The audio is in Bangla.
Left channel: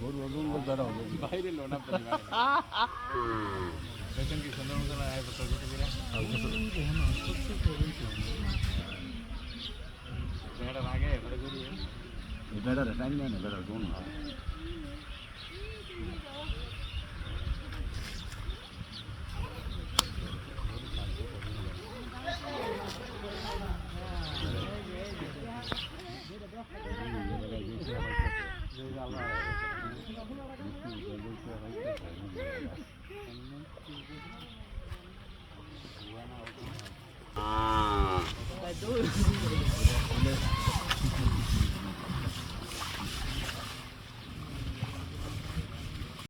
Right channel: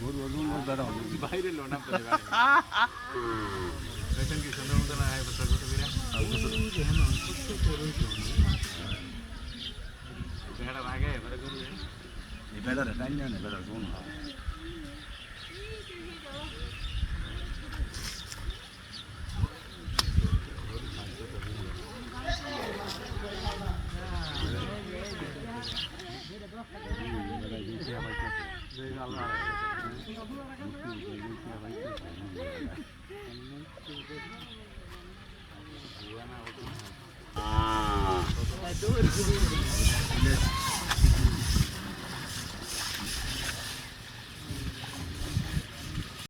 গরু ওজন বেড়া বাইরে লো না কি সুন্দর মতো না বেড়া লাগে বেড়া করি এই বেড়ারে টাইম না বেড়া কোন